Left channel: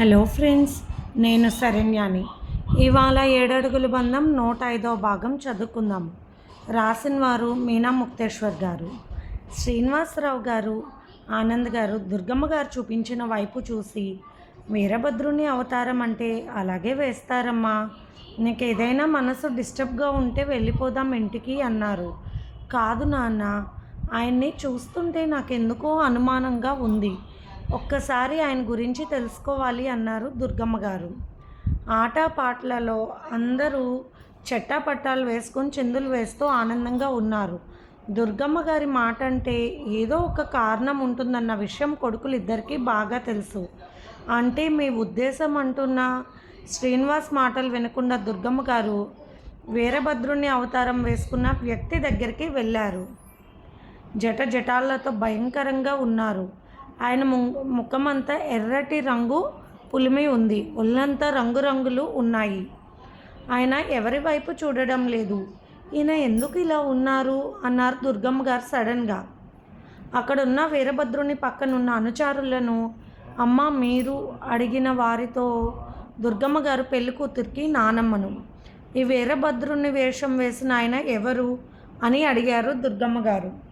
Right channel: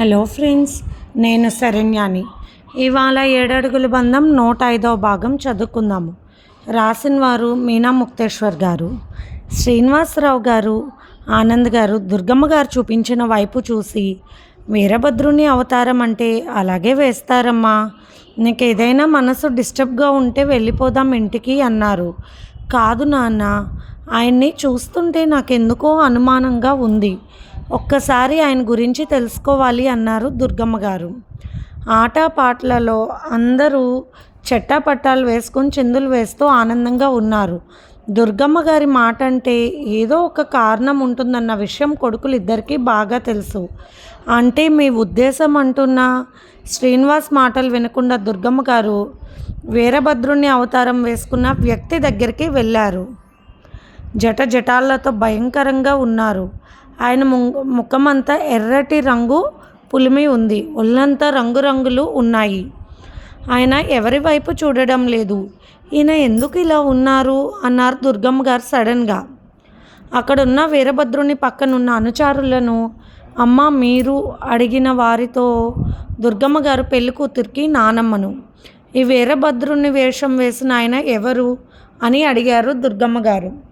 Hello friends నేను శరణ్యాని. ఇవాళ ఏడడుగుల బంధం నూట ఐదవ భాగం చదువుకుందాము. రాసిన వారు మీనా ముక్తేశ్వర్ గారు. శ్రీనివాసరావు గారు ఆనంద్ గారు దుర్గమ్మ గారు చూపించిన వైపు చూసి వీరభద్రుని అవతారం అంటే అలాగే వేస్తారమ్మా. నీకు ఏదైనా మనసు డిస్టర్బ్గా ఉంటే వెళ్ళిపోదాం ఇంటికి అన్నారు. కాదు నాన్న ఆయన్ని చూస్తుంటే నాకెందుకో అనుమానంగా ఉంది. ఒక్కసారి ఆయన గురించి తెలుసుకోవాలి అన్నారు దుర్గమ్మ గారు. ఆట పాటలలో అందరూ చెట్టాపట్టాలు వేసుకొని చిందులు వేస్తూ ఆనందంగా ఉన్నారు. దుర్గమ్మ గారి మాట అంటే ఏదో ఒక కారణం ఉంటుందన్న విషయం కొడుకులు ఇద్దరికీ బాగా తెలుసు. అంటే మీ ఉద్దేశం అంటున్న? శ్రీనివాస్ మాటలు వినకుండా దుర్గమ్మ గారు వీరభద్రుని అవతారం వేసుకున్న వ్యక్తి దగ్గరికి వెళ్ళారు. జట జటాలతో భయంకరంగా ఉన్నారు. ఆయన ముఖమంతా ఎర్రటి రంగు పులిమి ఉంది. ఒళ్ళంతా రంగురంగులు ఉన్నాయి. ఆయన ఎవరి వైపు చూడడం లేదు. ఈయన ఎందుకు ఇలా ఉన్నారు? అన్నారు దుర్గమ్మ గారు సడన్గా. అక్కడున్న వీరభద్రుని పక్కనున్న అనుచారులను అమ్మ మీరు అడిగిన వారితో దుర్గమ్మ గారు పెళ్ళి కూతురికి నానమ్మను. ఈ వీరభద్రుని వేషం వేసిన ఆయన ఎవరు? అని అడిగారు దుర్గమ్మ గారు.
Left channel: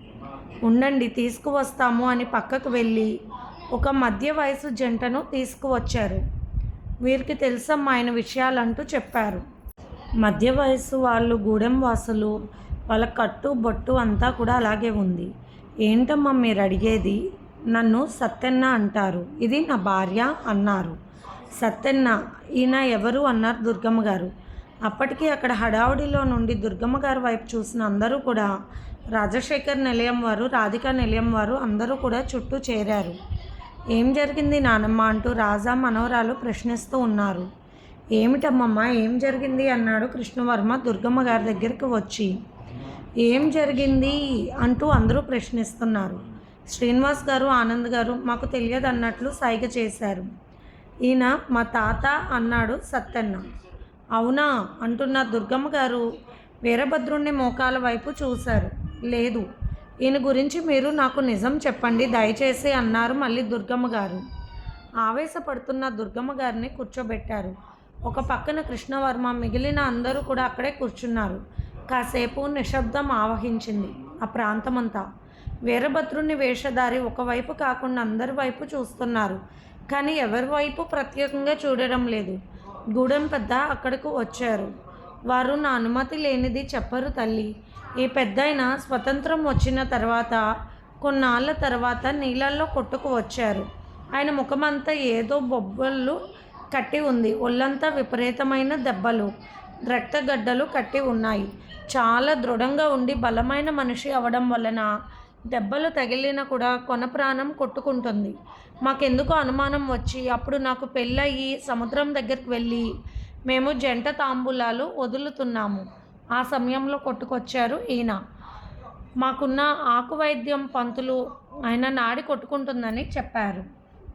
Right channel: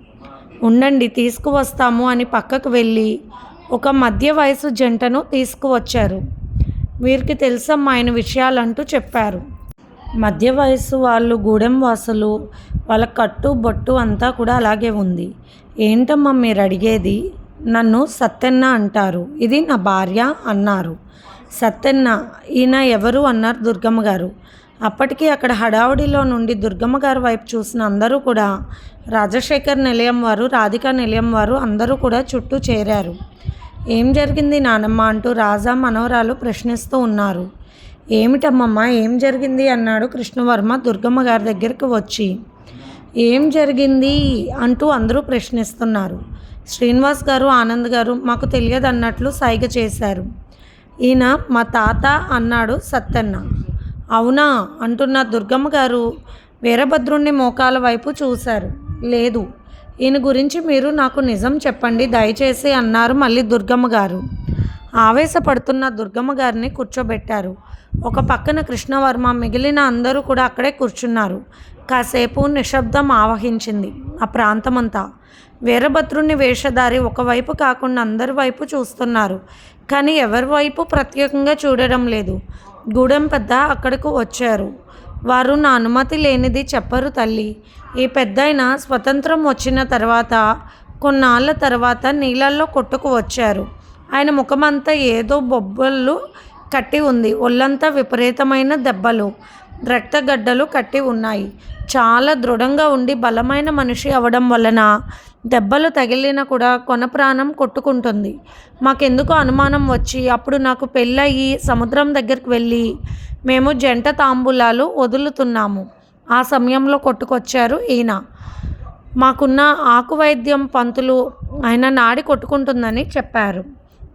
ఉండండి తీసుకువస్తాము అని పక్కకు వెళ్ళి ఒక మధ్య వయసు జంటను తీసుకువచ్చారు. వీరికి తెలుసమ్మా ఆయన విషయాలంటూ చెప్పారు. మధ్య వయసు వాళ్ళు గూడెం వాసులు వాళ్ళ కట్టు బొట్టు అంతా కూడా అలాగే ఉంది. ఏంటమ్మా మీరు అడిగేది? నన్ను సత్తెన్న అంటారు. ఇది నా భార్య అన్నారు. సత్తెన్న ఈయన ఎవరు అన్నారు దుర్గమ్మ గారు. అప్పటికి అక్కడ హడావుడిలో నుండి దుర్గమ్మ గారి వైపు చూసిన అందరూ కూడా రాజశేఖర్ నిలయం వారు రాధిక నిలయం వారు అందరూ కూడా చుట్టూ చేరారు. ఏం జరిగింది నానమ్మ అంటూ రాజా మనవరాలు ప్రశ్నిస్తూ ఉన్నారు. ఏమిటమ్మమ్మ ఏం జరిగింది అన్నాడు కృష్ణవర్మ దుర్గమ్మ గారి దగ్గరికి వచ్చి. ఏం జరిగింది అంటూ అందరూ ప్రశ్నిస్తున్నారు. శ్రీనివాస్ గారు ఆనంద్ గారు మాకు తెలియదు అన్నట్లు సైగ చేశారు. ఈయన మా తాత అన్నాడు సత్తన్న. అవునా అంటున్న దుర్గమ్మ గారు వీరభద్రుణ్ణి మోకాల వైపు చూశారు. లేదు. ఈయన గురించి మీరు నాకు నిజం చెప్పండి దయచేసి అన్నారు మళ్ళీ దుర్గమ్మ గారు. ఆవేశపడుతున్న దుర్గమ్మ గారిని కూర్చోబెట్టారు. ఒక పక్కన కృష్ణవర్మ మిగిలిన అందరూ కూడా అక్కడే కూర్చున్నారు. కాసేపు నిశ్శబ్దం ఆవహించింది ఆ ప్రాంతమంతా. వీరభద్రుని వేషధారి ఒకవైపు కాకుండా అందరి వైపు చూస్తున్నారు. కానీ ఎవరి వైపు ప్రత్యేకంగా చూడడం లేదు. గూడెం పెద్ద అక్కడకు వచ్చారు. వారు నా అనుమతి లేనిది చెప్పరు తల్లి. ఈ పెద్దయిన స్వతంత్రం వచ్చిన తర్వాత కొన్నాళ్ళ తర్వాత నీళ్ళల్లో కొట్టుకు వచ్చారు. ఆయన ముఖమంతా ఏదో బొబ్బలు కట్టి ఉంది. ఒళ్ళంతా విపరీతమైన దెబ్బలు రక్తగడ్డలు కట్టి ఉన్నాయి. చాలా దృఢంగా ఉండి బలమైన మనిషి అవడం వలన దెబ్బలు తగిలిన కూడా కొన ప్రాణం కొట్టుకుంటుంది. మాకెందుకు అనుమానం వచ్చి అప్పుడు నాకు పెళ్ళయి సముద్రం దగ్గరికి వెళ్ళి మేము జంట తాంబూలాలు వదులుతున్నాము. ఆ సమయంలో కొట్టుకొచ్చారు ఈయన. మాకున్న ఆకు వైద్యం పంతులు ఆయన నాడి కొట్టుకుంటుందని చెప్పారు.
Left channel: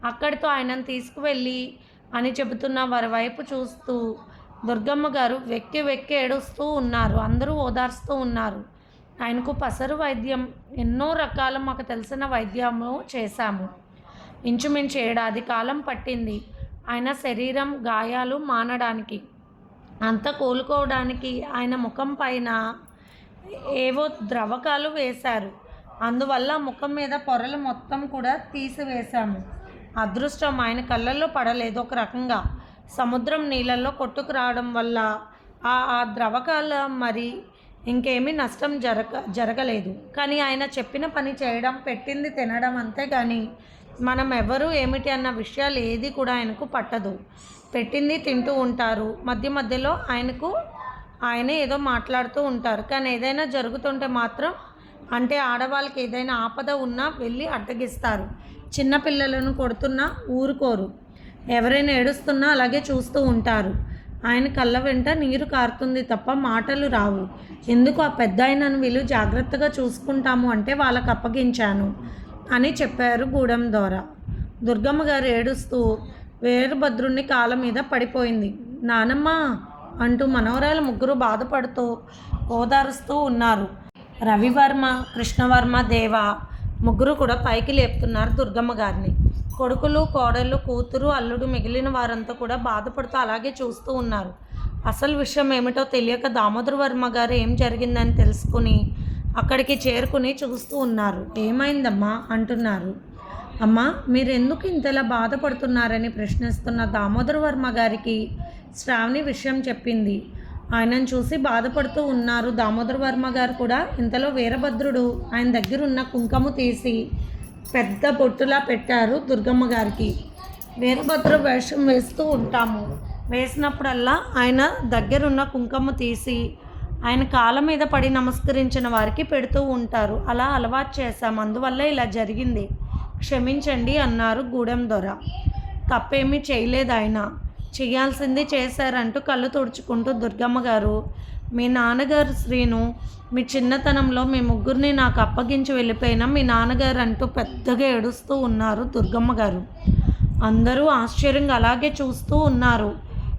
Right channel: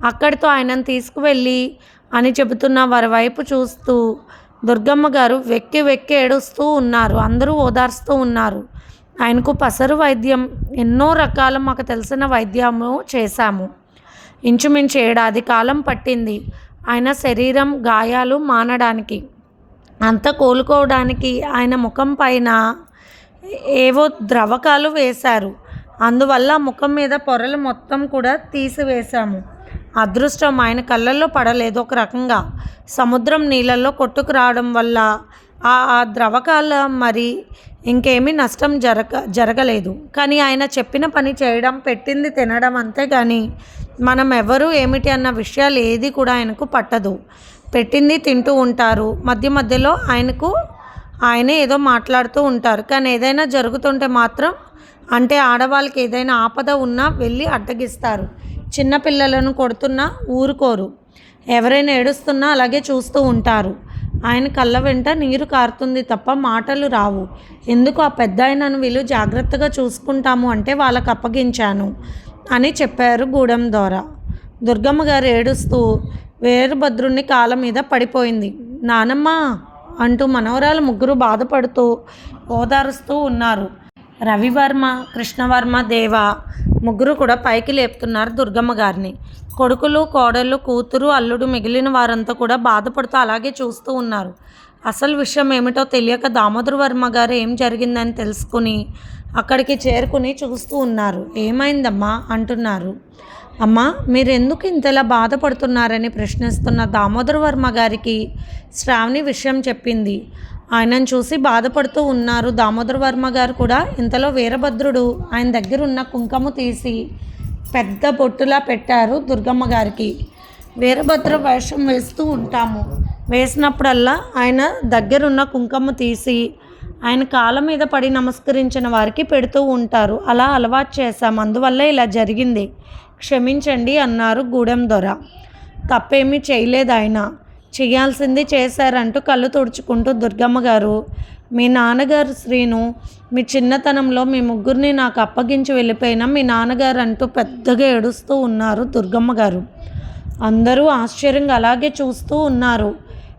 అక్కడితో ఆయనను తీసుకువెళ్ళి అని చెబుతున్న వారి వైపు చూస్తూ దుర్గమ్మ గారు వెక్కి వెక్కి ఏడుస్తూ ఉన్నారు. అందరూ ఓదార్స్తూ ఉన్నారు. ఆయనకు పసరు వైద్యం ఎన్నో రకాల మాకు తెలిసిన వైద్యము చేశాము. ఇంచుమించు ఏడాది కాలం పట్టింది. ఆయన శరీరం గాయాలు మానడానికి అంతా కోలుకోవడానికి ఆయన ముఖం పైన ఏవో ద్రవకాలు వేశారు. అందువల్ల ముఖం మీద పొరలు మొత్తం కూడా తీసివేశాము. అదృష్టం ఆయన కళ్ళల్లో పడలేదు ఒక రకంగా. సముద్రం నీళ్ళల్లో కొట్టుకు రావడం వల్ల ఆ ఆ ద్రవకాల మరి ఇంకేమీ నష్టం జరగ జరగలేదు. కానీ ఆయన చెప్పిన పని చేయడం పెట్టింది తినడం అంతే కానీ మనం ఎవరు ఏమిటి అన్న విషయాలు ఏది కూడా ఆయనకు పట్టదు. పెట్టింది తింటూ ఉంటారు. మధ్య మధ్యలో ఆయనకు ఆయనే ఏదో మాట్లాడుతూ ఉంటారు. కానీ ఏదైనా జరుగుతుంటే మాత్రం అంటే ఆడవాళ్ళకి ఏదైనా ఆపద ఉన్నా వెళ్ళి అడ్డగిస్తారు. చిన్నపిల్లలను కొడుతున్నా ఊరుకోరు. ఎవరైనా ఏడుస్తున్నా అలాగే చూస్తూ ఉంటారు. ఆయన కళ్ళ వెంట నీరు కారుతుంది తప్ప మాటలు రావు. ఎందుకు ఆ పెద్ద ఆయనను వీళ్ళు జాగ్రత్తగా చూసుకుంటాము అంటే వాళ్ళకి అప్పగించాను అని చెప్పారు గూడెం ద్వారా. దుర్గమ్మ గారు ఏడుస్తూ వీరభద్రుని కాళ్ళ మీద పడిపోయింది. నానమ్మ అంటూ మనవరాలు ముగ్గురు బాధపడుతూ ఓదారుస్తూ ఉన్నారు. రవివర్మ కృష్ణవర్మ దేవ ముగ్గురు కూడా పైకి లేపుతున్నారు దుర్గమ్మ గారిని. కొడుకులు కోడళ్ళు కూతురు అల్లుడు మిగిలిన వారంతా కూడా బాధపడుతూ అలాగే చూస్తూ ఉన్నారు. అసలు విషయం ఏమిటో తెలియక దామోదర వర్మ గారు ఏం జరిగిందని తెలుసుకుని అక్కడికి చేరుకుని చూస్తూ ఉన్నారు. ఏమైందమ్మా? అంటున్నారు. అమ్మా మీరెందుకు ఇంతలా బాధపడుతున్నారని ప్రశ్నిస్తున్న దామోదర్ వర్మ గారికి శ్రావణి విషయం చెప్పింది. ఆయనను చూసి బాధపడుతూ ఉన్నారు దామోదర్ వర్మ గారు కూడా. ఇంతలో వీరభద్రుడు ఆయన దగ్గర ఉన్న కుంకుమ తీసి పెద్ద బొట్టులా పెట్టారు దుర్గమ్మ గారికి. వీరభద్ర వేషం వేస్తూ ఉంటాము. వేసినప్పుడల్లా ఆయన దగ్గరున్న కుంకము తీసి ఆయన కాళ్ళ మీద పడి నమస్కరించిన వారికి పెడుతూ ఉంటారు. అలా అలవాటు చేశాం. అందువల్ల ఇలా జరిగింది. క్షమించండి అన్నారు గూడెం దొర. తప్పేమీ చేయలేదు ఆయన. చేయాల్సింది చేశారంటూ కళ్ళు తుడుచుకుంటూ దుర్గమ్మ గారు మీ నాన్నగారు శ్రీను మీ చిన్నతనంలో మీ ముగ్గురిని నాకు అప్పగించి వెళ్ళిపోయిన మీ నాన్నగారు అంటూ పెద్దగా ఏడుస్తూ ఉన్నారు దుర్గమ్మ గారు. అందరూ ఆశ్చర్యంగా అలాగే చూస్తూ ఉన్నారు.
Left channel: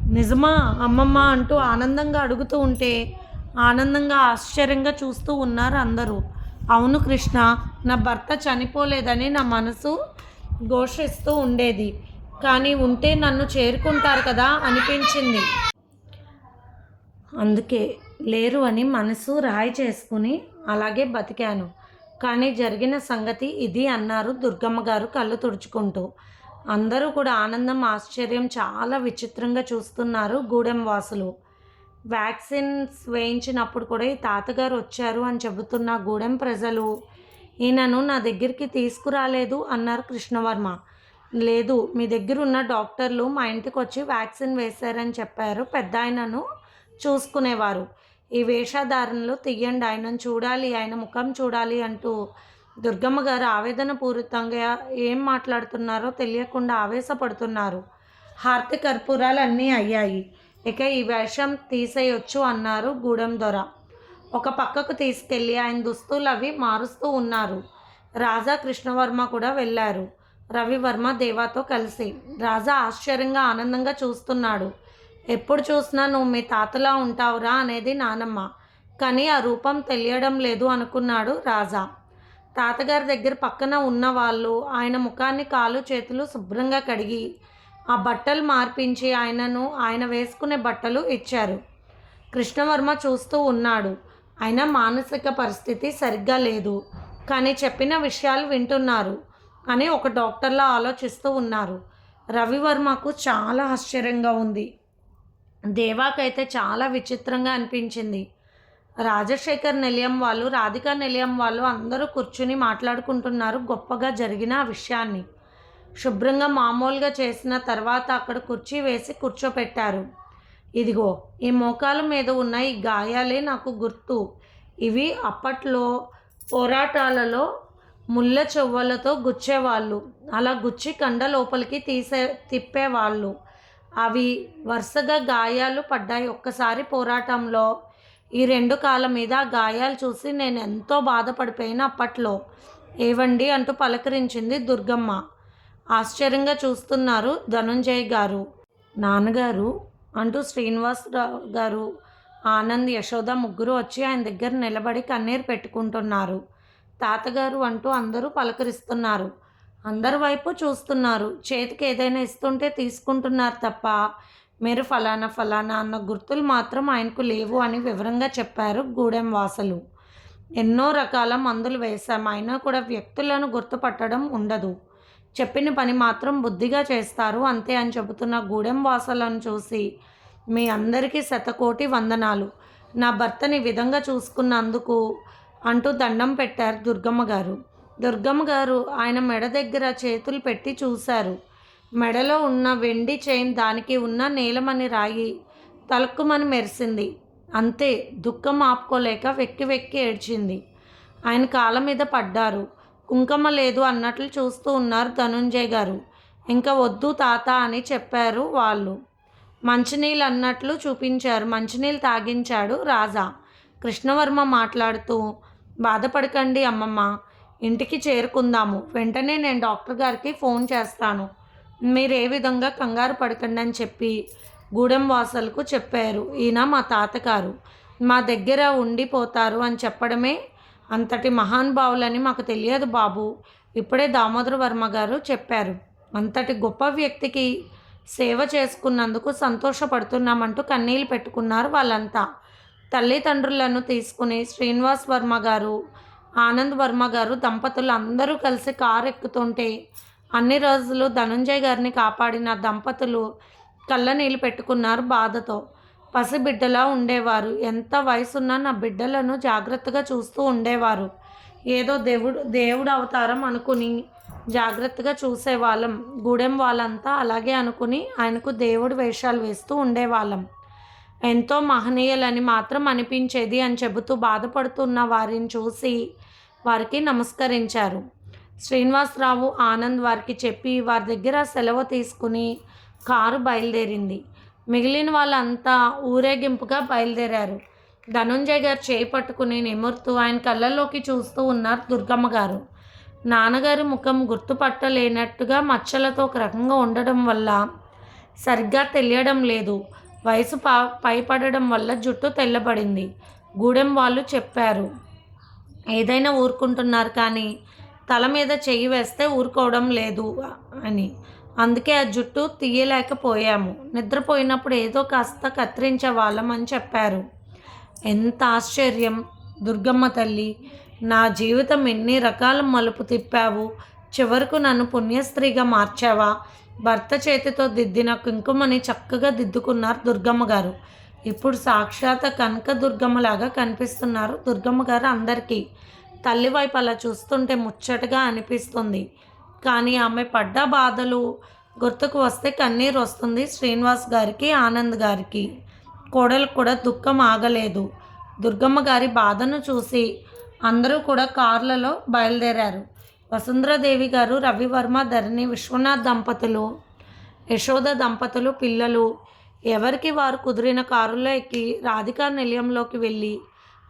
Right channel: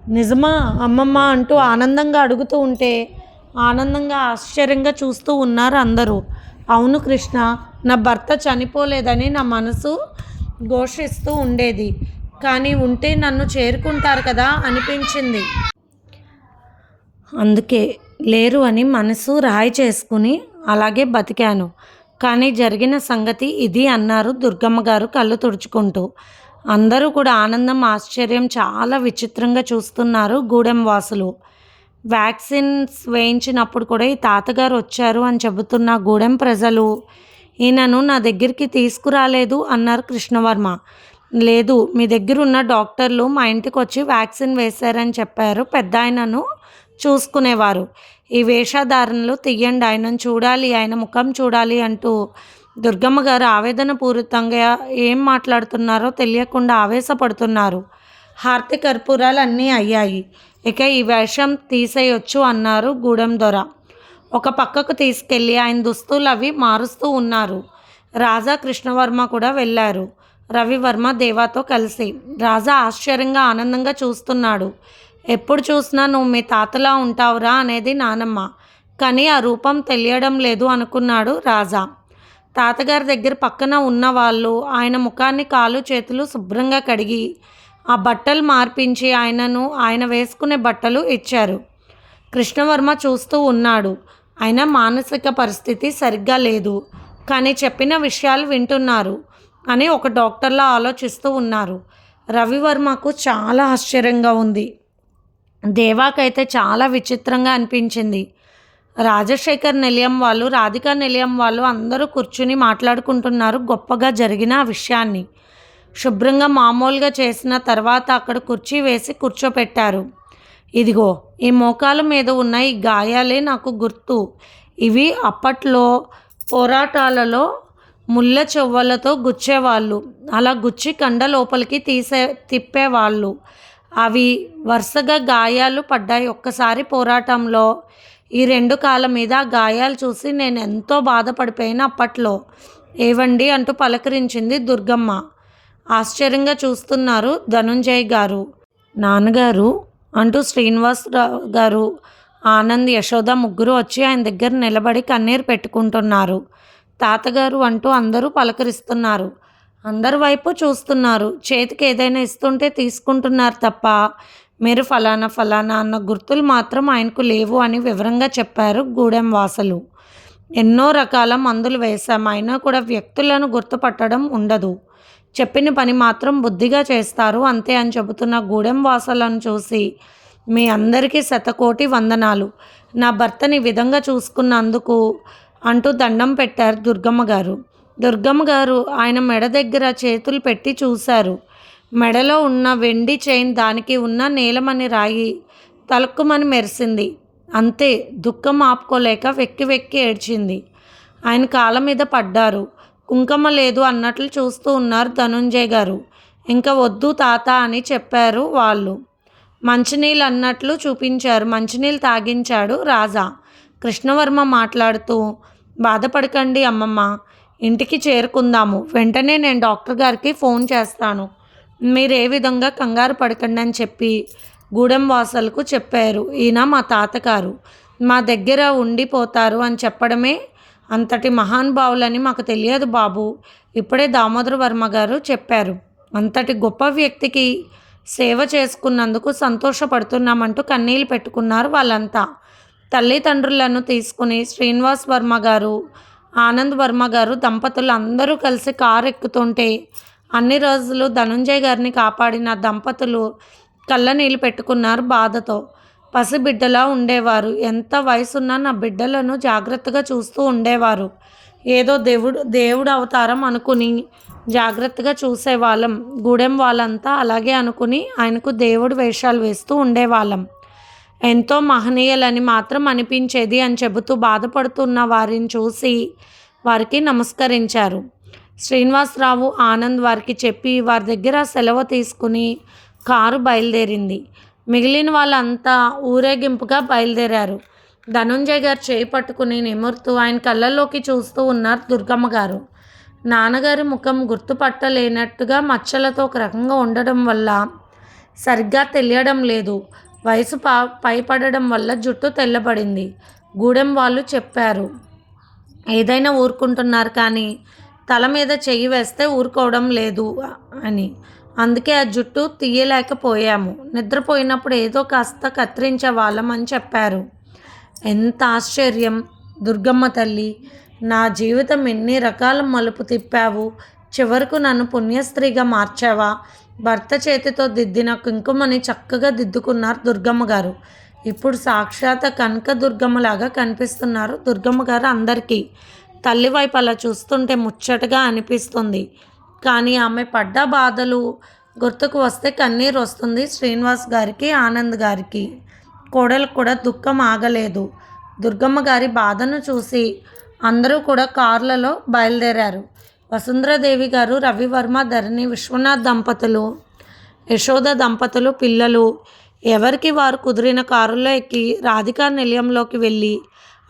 నిజమా అమ్మమ్మ అంటూ ఆనందంగా అడుగుతూ ఉంటే ఆనందంగా ఆశ్చర్యంగా చూస్తూ ఉన్నారు అందరూ. అవును కృష్ణ నా భర్త చనిపోలేదని నా మనసు ఘోషిస్తూ ఉండేది. కానీ ఉంటే నన్ను చేరుకుంటారు కదా అనిపించింది. అందుకే లేరు అని మనసు రాయి చేసుకుని అలాగే బతికాను. కానీ జరిగిన సంగతి ఇది అన్నారు దుర్గమ్మ గారు కళ్ళు తుడుచుకుంటూ. అందరూ కూడా ఆనందం ఆశ్చర్యం చాలా విచిత్రంగా చూస్తున్నారు గూడెం వాసులు. వ్యాక్సిన్స్ వేయించినప్పుడు కూడా ఈ తాతగారు వచ్చారు అని చెబుతున్న గూడెం ప్రజలు ఈయనను నా దగ్గరికి తీసుకురాలేదు అన్నారు కృష్ణవర్మ. లేదు మీ దగ్గర ఉన్న డాక్టర్లు మా ఇంటికి వచ్చి వ్యాక్సిన్ వేశారని చెప్పారు. పెద్ద ఆయనను చూసుకునేవారు. ఈ వేషధారణలు తీయండి ఆయనను చూడాలి ఆయన ముఖం చూడాలి అంటూ దుర్గమ్మ గారు ఆవేదన పూరితంగా ఏం మాట్లాడుతున్నారో తెలియకుండా ఆవేశపడుతున్నారు. హార్తి కర్పూరాలు అన్నీ అయ్యాయి. ఇక ఈ వేషం తీసేయొచ్చు అన్నారు గూడెం దొర. ఒక పక్కకు తీసుకెళ్ళి ఆయన దుస్తులు అవి మారుస్తూ ఉన్నారు. రాజా కృష్ణవర్మ కూడా వెళ్ళారు. రవివర్మ దేవాతో కలిసి. రాజా ఆశ్చర్యంగా ఆనందంగా చూస్తున్నాడు. ఎప్పుడు చూసినా నువ్వు మీ తాతలా ఉంటావురా అనేది నానమ్మ. కానీ ఆ రూపం తెలియడం లేదు అనుకున్నాడు రాజా. తాతగారి దగ్గర పక్కన ఉన్న వాళ్ళు ఆయన ముఖాన్ని కాలు చేతులు శుభ్రంగా కడిగి ఆ బట్టలు మార్పించి ఆయనను ఆయన వేసుకునే బట్టలు ఇచ్చారు. కృష్ణవర్మ చూస్తూ ఉన్నాడు. ఆయన మానసిక పరిస్థితి సరిగ్గా లేదు. కానీ చెప్పిన విషయాలు వింటున్నారు అని ఒక డాక్టర్లా ఆలోచిస్తూ ఉన్నారు. రవివర్మకు చాలా ఆశ్చర్యంగా ఉంది. దేవాకైతే చాలా విచిత్రంగా అనిపించింది. రాజశేఖర్ నిలయం వాళ్ళు రాధికా నిలయం వాళ్ళు అందరూ కూర్చుని మాట్లాడుకుంటున్నారు గొప్పగా జరిగిన ఆ విషయాన్ని. శుభ్రంగా మామూలుగా చేసిన తర్వాత అక్కడ కుర్చీ వేసి కూర్చోపెట్టారు. ఇదిగో ఈ మోకాల మీద ఉన్న ఈ గాయాలే నాకు గుర్తు. ఇవి అప్పట్లో పోరాటాలలో ముళ్ళ చెవ్వలతో గుచ్చేవాళ్ళు. అలా గుచ్చి కండ లోపలికి తీసే తిప్పేవాళ్ళు. అవి వరుసగా గాయాలు పడ్డాయి. ఒక్కసారి పోరాటంలో ఈ రెండు కాళ్ళ మీద ఆ గాయాలు చూసి నేను ఎంతో బాధపడిపోయిన అప్పట్లో. ఏవండి అంటూ పలకరించింది దుర్గమ్మ. ఆశ్చర్యంగా చూస్తున్నారు ధనుంజయ్ గారు. నాన్నగారు అంటూ శ్రీనివాసరావు గారు ఆనంద్ యశోద ముగ్గురు వచ్చి ఆయన దగ్గర నిలబడి కన్నీరు పెట్టుకుంటున్నారు. తాతగారు అంటూ అందరూ పలకరిస్తున్నారు. అందరి వైపు చూస్తున్నారు. చేతికి ఏదైనా ఇస్తుంటే తీసుకుంటున్నారు తప్ప మీరు ఫలానా ఫలానా అన్న గుర్తులు మాత్రం ఆయనకు లేవు అని వివరంగా చెప్పారు గూడెం వాసలు. ఎన్నో రకాల మందులు వేశాం. అయినా కూడా వ్యక్తులను గుర్తుపట్టడం ఉండదు. చెప్పిన పని మాత్రం బుద్ధిగా చేస్తారు. అంతే అని చెబుతున్న గూడెం వాసులను చూసి మీ అందరికీ శతకోటి వందనాలు. నా భర్తని విధంగా చూసుకున్నందుకు అంటూ దండం పెట్టారు దుర్గమ్మ గారు. దుర్గమ్మ గారు ఆయన మెడ దగ్గర చేతులు పెట్టి చూశారు. మెడలో ఉన్న వెండి చైన్ దానికి ఉన్న నీలమని రాయి తలక్కుమని మెరిసింది. అంతే దుఃఖం ఆపుకోలేక వెక్కి వెక్కి ఏడ్చింది. ఆయన కాళ్ళ మీద పడ్డారు. కుంకుమ లేదు అన్నట్లు చూస్తూ ఉన్నారు ధనుంజయ్ గారు. ఇంకా వద్దు తాత అని చెప్పారు వాళ్ళు. మంచినీళ్ళు అన్నట్లు చూపించారు. మంచినీళ్ళు తాగించాడు రాజా. కృష్ణవర్మ మాట్లాడుతూ బాధపడకండి అమ్మమ్మ. ఇంటికి చేరుకుందాము. వెంటనే నేను డాక్టర్ గారికి ఫోన్ చేస్తాను. మీరు ఏ విధంగా కంగారు పడకండి అని చెప్పి గూడెం వాసలకు చెప్పారు. ఈయన మా తాతగారు. మా దగ్గర ఉండిపోతారు అని చెప్పడమే అంతటి మహానుభావులని మాకు తెలియదు బాబు. ఇప్పుడే దామోదర వర్మ గారు చెప్పారు. అంతటి గొప్ప వ్యక్తికి సేవ చేసుకున్నందుకు సంతోషపడుతున్నామంటూ కన్నీళ్ళు పెట్టుకున్నారు వాళ్ళంతా. తల్లిదండ్రులను తీసుకుని శ్రీనివాస్ వర్మ గారు ఆనంద్ వర్మ గారు దంపతులు అందరూ కలిసి కారు ఎక్కుతుంటే అన్ని రోజులు ధనుంజయ్ గారిని కాపాడిన దంపతులు కళ్ళ నీళ్ళు పెట్టుకున్నారు బాధతో. పసిబిడ్డలా ఉండేవారు. ఎంత వయసున్నా నా బిడ్డలను జాగ్రత్తగా చూస్తూ ఉండేవారు. ఏదో దేవుడు దేవుడు అవతారం అనుకుని జాగ్రత్తగా చూసేవాళ్ళం. గూడెం వాళ్ళంతా అలాగే అనుకుని ఆయనకు దేవుడు వేషాలు వేస్తూ ఉండేవాళ్ళం. ఎంతో మహనీయులని మాత్రం అనిపించేది అని చెబుతూ బాధపడుతున్న వారిని చూసి వారికి నమస్కరించారు. శ్రీనివాసరావు ఆనంద్ వారికి చెప్పి వారి దగ్గర సెలవు తీసుకుని కారు బయలుదేరింది. మిగిలిన వాళ్ళంతా ఊరేగింపుగా బయలుదేరారు. ధనుంజయ్ గారు చేయి పట్టుకుని నిమురుతూ ఆయన కళ్ళల్లోకి చూస్తూ ఉన్నారు దుర్గమ్మ గారు. నాన్నగారి ముఖం గుర్తుపట్టలేనట్టుగా మచ్చలతో ఒక రకంగా ఉండడం వల్ల సరిగ్గా తెలియడం లేదు. వయసు పా పైపడడం వల్ల జుట్టు తెల్లబడింది. గూడెం వాళ్ళు చెప్పారు. ఏదైనా ఊరుకుంటున్నారు కానీ తల మీద చెయ్యి వేస్తే ఊరుకోవడం లేదు అని. అందుకే ఆ జుట్టు తీయలేకపోయాము. నిద్రపోయినప్పుడు ఏదో కాస్త కత్తిరించే వాళ్ళం అని చెప్పారు. ఎంత ఆశ్చర్యం! దుర్గమ్మ తల్లి నా జీవితం ఎన్ని రకాల మలుపు తిప్పావు? చివరకు నన్ను పుణ్యస్త్రీగా మార్చావా? భర్త చేతితో దిద్దిన కుంకుమని చక్కగా దిద్దుకున్నారు దుర్గమ్మ గారు. ఇప్పుడు సాక్షాత్ కనక దుర్గమ్మలాగా కనిపిస్తున్నారు దుర్గమ్మ గారు అందరికీ. తల్లి వైపు అలా చూస్తుంటే ముచ్చటగా అనిపిస్తుంది. కానీ ఆమె పడ్డ బాధలు గుర్తుకు వస్తే కన్నీరు వస్తుంది శ్రీనివాస్ గారికి ఆనంద్ గారికి. కోడలకు కూడా దుఃఖం ఆగలేదు. దుర్గమ్మ గారి బాధను చూసి అందరూ కూడా కార్లలో బయలుదేరారు. వసుంధరాదేవి గారు రవివర్మ ధరణి విశ్వనాథ్ దంపతులు యశోద దంపతులు పిల్లలు ఎవరికి వారు కుదిరిన కారులో ఎక్కి రాధికా నిలయంలోకి వెళ్ళి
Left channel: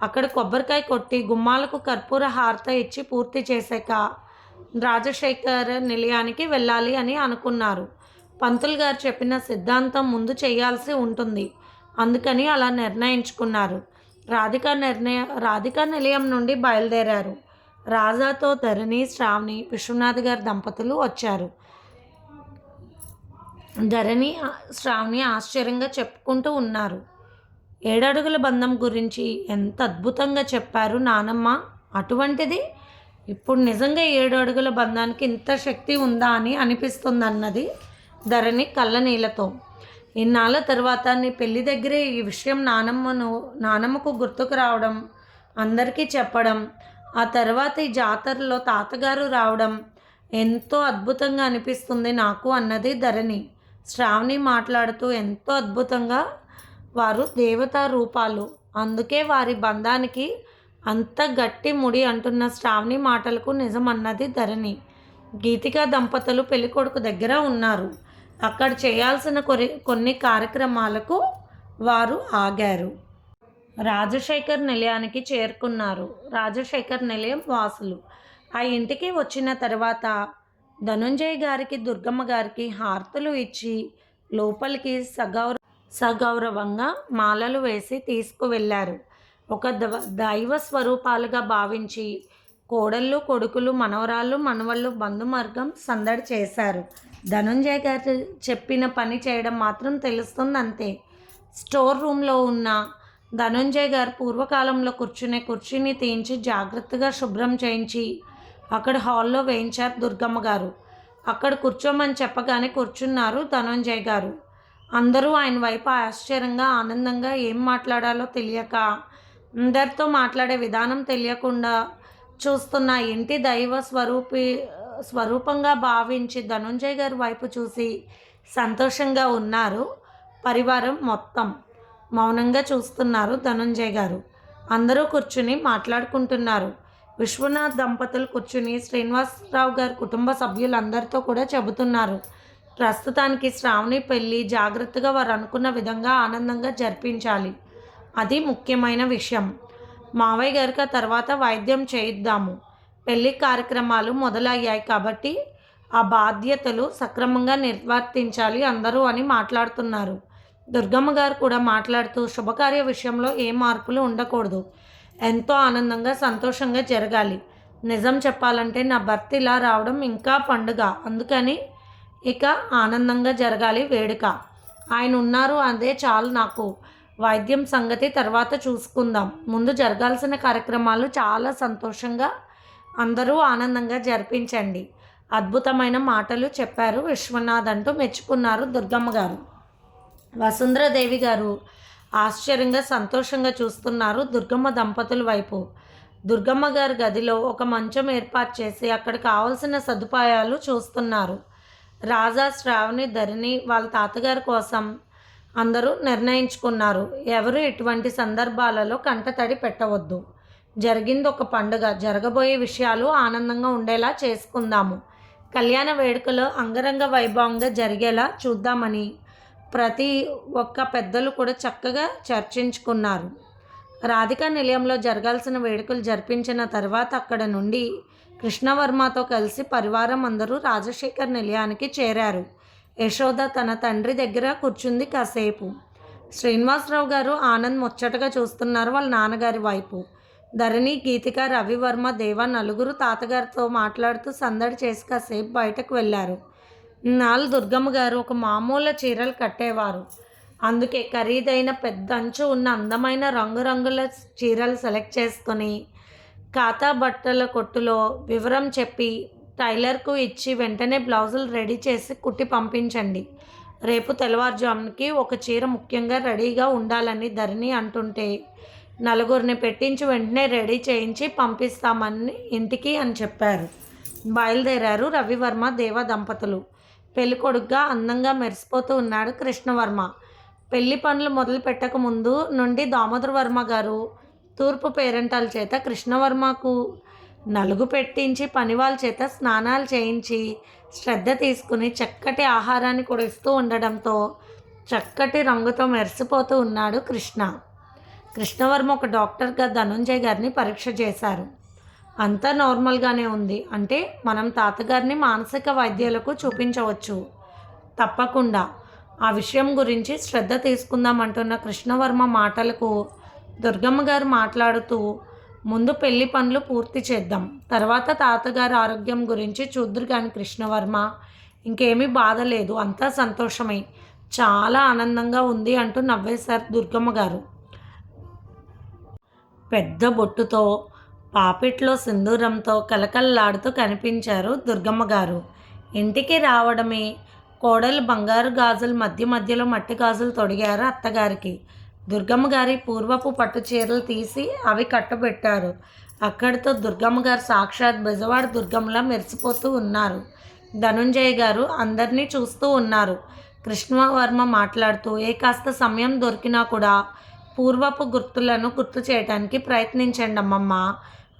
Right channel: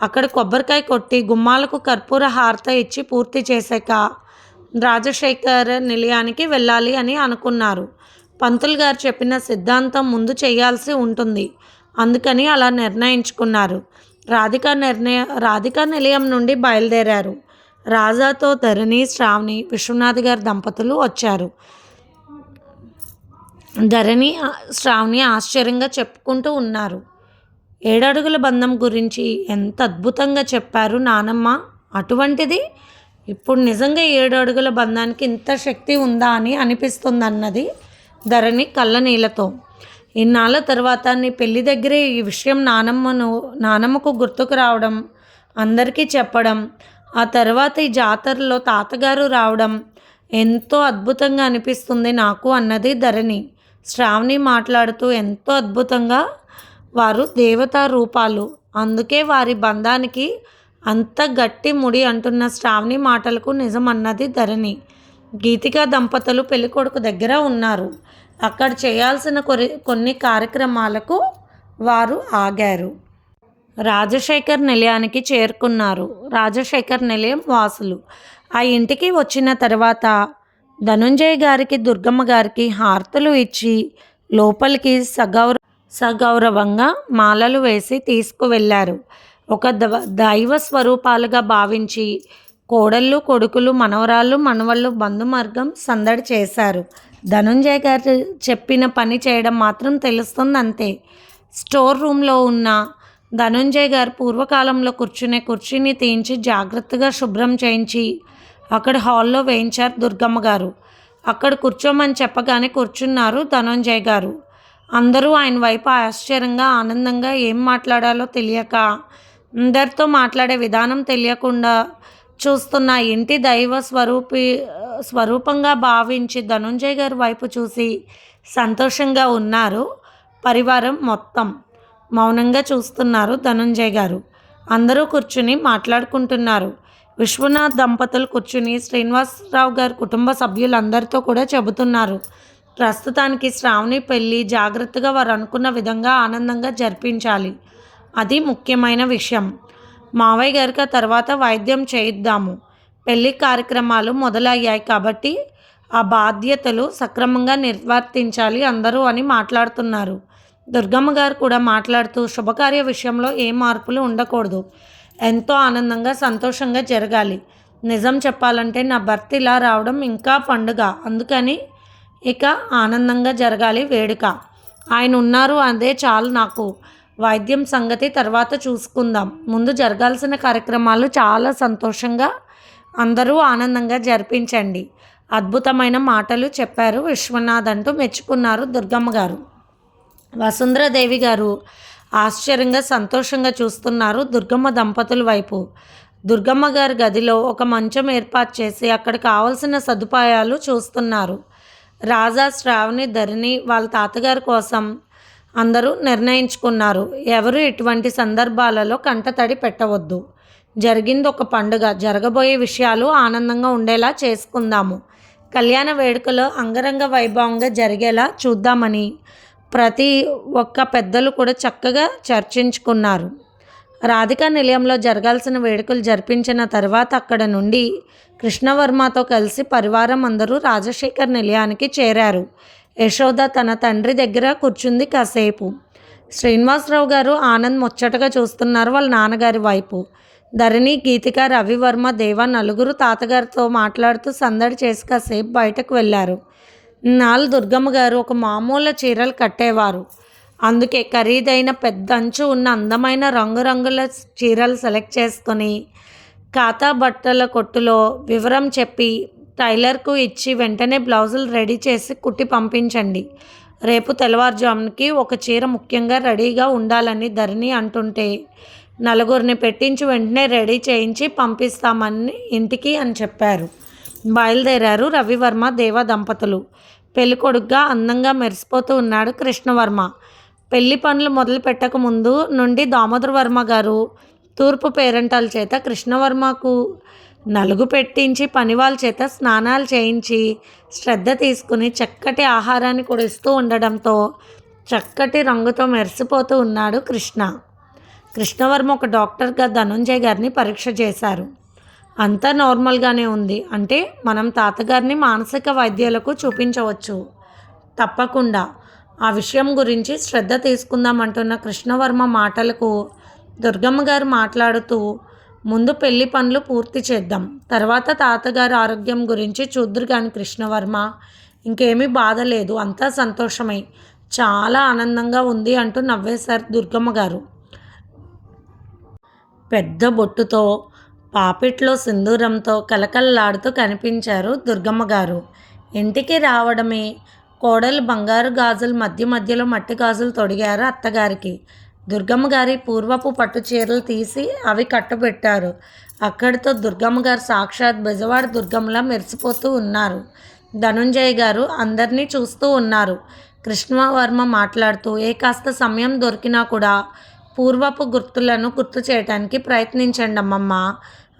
అక్కడ కొబ్బరికాయ కొట్టి గుమ్మాలకు కర్పూర హారత ఇచ్చి పూర్తి చేశాక రాజశేఖర్ నిలయానికి వెళ్ళాలి అని అనుకున్నారు. పంతులు గారు చెప్పిన సిద్ధాంతం ముందు చేయాల్సి ఉంటుంది. అందుకని అలా నిర్ణయించుకున్నారు. రాధిక నిర్ణయ రాధిక నిలయం నుండి బయలుదేరారు. రాజాతో ధరణి శ్రావణి విశ్వనాథ్ గారి దంపతులు వచ్చారు. ధరణి శ్రావణి ఆశ్చర్యంగా చెప్పుకుంటూ ఉన్నారు. ఏడడుగుల బంధం గురించి ఎంత అద్భుతంగా చెప్పారు నానమ్మ. అటువంటిది ఇప్పుడు నిజంగా ఏడు అడుగుల బంధానికి ఇంత శక్తి ఉందా అని అనిపిస్తుంది అన్నది ధరణి కళ్ళ నీళ్ళతో. ఇన్నాళ్ళ తర్వాత నీ పెళ్ళి దగ్గరే ఈ విషయం నానమ్మను నానమ్మకు గుర్తుకు రావడం అందరికీ చెప్పడం ఆ తర్వాత ఈ జాతరలో తాతగారు రావడం ఎంతో అద్భుతంగా అనిపిస్తుంది నాకు అన్నది ధరణి. శ్రావణి మాట్లాడుతూ ఎంతో అద్భుతంగా వారు దేవతా రూపాలు. అందుకే వారి బంధానికి అంత గట్టి ముడి అంటున్న శ్రావణి మాటలకు నిజమన్నది ధరణి. గీతికా దంపతులు పెళ్ళికొడుకు దగ్గర ఉన్నారు. అక్కడ చేయాల్సిన కొన్ని కొన్ని కార్యక్రమాలకు వారు ఆగారు. రాజశేఖర్ నిలయానికి చేరుకున్నారు. రాజశేఖర్ నిలయం వాసులు. ఆ ఇంటికి వచ్చిన తర్వాత ధనుంజయ్ గారికి దుర్గమ్మ గారికి హార్తలు ఇచ్చి లోపలికి సగౌర సగౌరవంగా మాలలు వేసి తీసుకువెళ్ళారు ఒక దవ దైవ స్వరూపాలుగా భావించి కోడళ్ళు కొడుకులు మనవరాళ్ళు మనవళ్ళు బంధుమార్గం సందడి చేశారు. ధనుంజయ్ గారు చెప్పిన పని చేయడం మాత్రం తెలుస్తుంది అంతే స్టోర్ రూమ్లో ఉన్న ధనుంజయ్ గారు పూర్వకాలంలో కూర్చునే కుర్చీని తీయించి జాగ్రత్తగా శుభ్రం చేయించి అక్కడ హాల్లో వేయించారు దుర్గమ్మ గారు. అక్కడ కూర్చోమని చెప్పగానే కూర్చున్నారు ధనుంజయ్ గారు. అందరూ ఆయన వైపు ఆశ్చర్యంగా ఆనందంగా ఏం మాట్లాడాలో తెలియక అందరితో మాట్లాడే విధానం తెలియకుండా చూస్తున్న ఇంటి దైవ స్వరూపి స్వరూపంగా భావించి ధనుంజయ్ గారి వైపు చూసి సంతోషంగా ఉన్నారు పరివారం మొత్తం. మౌనంగా చూస్తున్నారు ధనుంజయ్ గారు. అందరూ కూర్చుని మాట్లాడుకుంటున్నారు. విశ్వనాథ్ దంపతులు కూర్చుని శ్రీనివాసరావు గారి కుటుంబ సభ్యులందరితో కూడా చెబుతున్నారు. ప్రస్తుతానికి శ్రావణి పెళ్ళి జాగ్రత్తగా వారు అనుకున్న విధంగా ఆనందంగా జరిపించాలి. అది ముఖ్యమైన విషయం. మావయ్య గారికి ఆ తర్వాత వైద్యం చేయిద్దాము. పెళ్ళి కార్యక్రమాలు మొదలయ్యాయి కాబట్టి ఆ బాధ్యతలు సక్రమంగా నిర్వర్తించాలి అందరూ అని మాట్లాడుతున్నారు. దుర్గమ్మ గారు కూడా మాట్లాడుతూ శుభకార్య విషయంలో ఏ మార్పులు ఉండకూడదు. ఎంతో ఆనందంగా సంతోషంగా జరగాలి. నిజం చెప్పాలంటే నా భర్త ఇలా రావడం ఇంకా పండుగ. అందుకని ఇక ఆనందంగా జరగాలి వేడుక. ఆయన ఉన్నారు అదే చాలు నాకు. వైద్యం సంగతి తర్వాత చూసుకుందాం. ముందు జరగాల్సిన కార్యక్రమాలు చాలా సంతోషంగా అందరూ ఆనందంగా జరిపించండి. అద్భుతమైన మాటలు చెప్పారు విశ్వనాథ్ అంటూ మెచ్చుకున్నారు దుర్గమ్మ గారు. వసుంధరాదేవి గారు ఆశ్చర్యంగా సంతోషంగా చూస్తున్నారు దుర్గమ్మ దంపతుల వైపు. దుర్గమ్మ గారి గదిలో ఒక మంచం ఏర్పాటు చేసి అక్కడ కావలసిన సదుపాయాలు చూస్తున్నారు. రాజా శ్రావణి ధరిణి వాళ్ళ తాతగారి కోసం అందరూ నిర్ణయించుకున్నారు. ఎవరు ఇటువంటి సందర్భాలలో కంటతడి పెట్టవద్దు. జరిగింది ఒక పండుగ. జరగబోయే విషయాలు ఆనందంగా ఉండేలా చేసుకుందాము. కళ్యాణ వేడుకలో అంగరంగ వైభవంగా జరిగేలా చూద్దామని ప్రతి ఒక్క పెద్దలు కూడా చక్కగా చర్చించుకున్నారు. రాధికా నిలయంలో జరగాల్సిన వేడుకలు జరిపించిన తర్వాత అక్కడ నుండి కృష్ణవర్మతో కలిసి పరివారం అందరూ రాజశేఖర్ నిలయానికి చేరారు. యశోద తన తండ్రి దగ్గర కూర్చుంది కాసేపు. శ్రీనివాసరావు గారు ఆనంద్ ముచ్చటగా చూస్తున్నారు వాళ్ళ నాన్నగారి వైపు. ధరణి గీతిక రవివర్మ దేవ నలుగురు తాతగారితో మాట్లాడుతూ సందడి చేసి కాసేపు బయటకు వెళ్ళారు. నాలు దుర్గమ్మ గారు ఒక మామూలు చీరలు కట్టేవారు. అందుకే ఖరీదైన పెద్ద అంచు ఉన్న అందమైన రంగురంగుల చీరలు సెలెక్ట్ చేసుకొని ఖాతా బట్టల కొట్టులో వివరం చెప్పి టైలర్కు ఇచ్చి వెంటనే బ్లౌజులు రెడీ చేసి కుట్టి పంపించండి. రేపు తెల్లవారుజామునికి ఒక చీర ముఖ్యంగా రెడీగా ఉండాలని ధరణి అంటుంటే నలుగురిని పెట్టించి వెంటనే రెడీ చేయించి పంపిస్తామని ఇంటికి అని చెప్పారు. బయలుదేరారు రవివర్మ దేవ దంపతులు. పెళ్ళికొడుగ్గా అందంగా మెరిసిపోతూ ఉన్నాడు కృష్ణవర్మ. పెళ్ళి పనులు మొదలు పెట్టక ముందు నుండి దామోదర వర్మ గారు తూర్పు పేరెంటాల చేత కృష్ణవర్మకు నలుగు పెట్టించి పనివాళ్ళ చేత స్నానాలు చేయించి శ్రద్ధ తీసుకుని చక్కటి ఆహారాన్ని కూడా ఇస్తూ ఉండడంతో చక్కటి రంగుతో మెరిసిపోతూ ఉన్నాడు కృష్ణ. కృష్ణవర్మ ఒక డాక్టర్గా ధనుంజయ్ గారిని పరీక్ష చేశారు. అంతా నార్మల్గానే ఉంది. అంటే మనం తాతగారిని మానసిక వైద్యులకు చూపించవచ్చు. తప్పకుండా. ఆ విషయం గురించి శ్రద్ధ తీసుకుందామంటున్న కృష్ణవర్మ మాటలకు దుర్గమ్మ గారు మాట్లాడుతూ ముందు పెళ్ళి పనులు పూర్తి చేద్దాం. తర్వాత తాతగారి ఆరోగ్యం గురించి చూద్దరు కానీ కృష్ణవర్మ. ఇంకేమీ బాధ లేదు. అంతా సంతోషమై. చాలా ఆనందంగా ఉంది అంటూ నవ్వేశారు దుర్గమ్మ గారు. పెద్ద బొట్టుతో పాపిట్లో సింధూరంతో కలకల్లాడుతూ కనిపించారు దుర్గమ్మ గారు. ఇంటికి రావడమే కోడలు బంగారు గాజులు మధ్య మధ్యలో మట్టి గాజులు తొడిగారు అత్తగారికి. దుర్గమ్మ గారి పూర్వపు పట్టు చీరలు తీసి అవి కట్టబెట్టారు. అక్కడితో దుర్గమ్మ గారు సాక్షాత్ బెజవాడ దుర్గమ్మలా మెరిసిపోతూ ఉన్నారు. ధనుంజయ్ గారు అందరినీ చూస్తూ ఉన్నారు. కృష్ణవర్మ మాట్లాడుతూ ఏ కాస్త సమయం దొరికినా కూడా పూర్వపు గుర్తులను గుర్తు చేయడానికి ప్రయత్నించండి అమ్మమ్మ.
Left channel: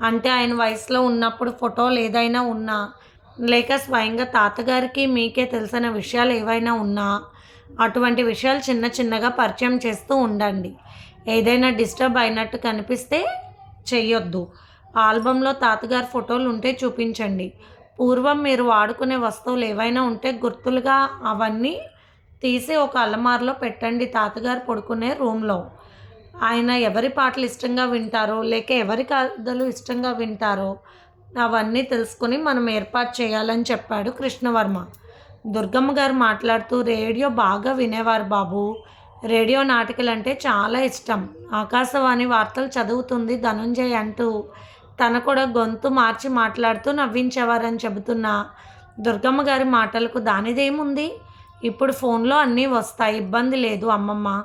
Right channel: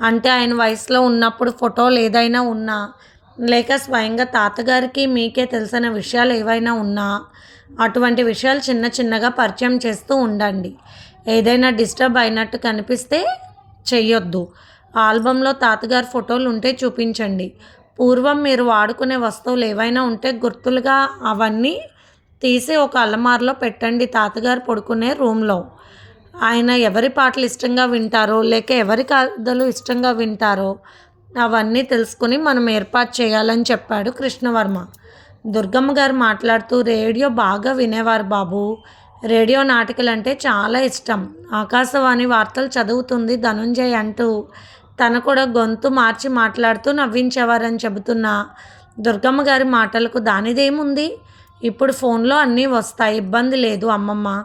అంటే ఆయన వయసులో ఉన్నప్పుడు ఫోటోలు ఏదైనా ఉన్నా లేక స్వయంగా తాతగారికి మీకే తెలిసిన విషయాలు ఏవైనా ఉన్నా అటువంటి విషయాలు చిన్న చిన్నగా పరిచయం చేస్తూ ఉండండి. ఏదైనా డిస్టర్బ్ అయినట్టు కనిపిస్తే చెయ్యొద్దు. ఆల్బంలో తాతగారి ఫోటోలు ఉంటే చూపించండి. పూర్వం మీరు వాడుకునే వస్తువులు ఏవైనా ఉంటే గుర్తులుగా అవన్నీ తీసి ఒక అలమారులో పెట్టండి తాతగారు పడుకునే రూమ్లో. ఆయన ఎవరి పాటలు ఇష్టంగా వింటారో లేక ఎవరి కథలు ఇష్టంగా వింటారో అవన్నీ తెలుసుకుని మనం ఏర్పాటు చేయాలని చెప్పాడు కృష్ణవర్మ. దుర్గమ్మ గారు మాట్లాడుతూ రేడియో బాగా వినేవారు బాబు. రేడియో నాటికలు అంటే చాలా ఇష్టం. ఆకాశవాణి వార్తలు చదువుతుంది ధనుంజయ్ అంటూ. తన కూడా గొంతు మార్చి మాట్లాడుతూ నవ్వించేవారని చెబుతున్న. దుర్గమ్మ గారి మాటలకు దానిదేముంది? ఇప్పుడు ఫోన్లో అన్నీ వస్తాయి. ఇబ్బంది లేదు అమ్మమ్మ.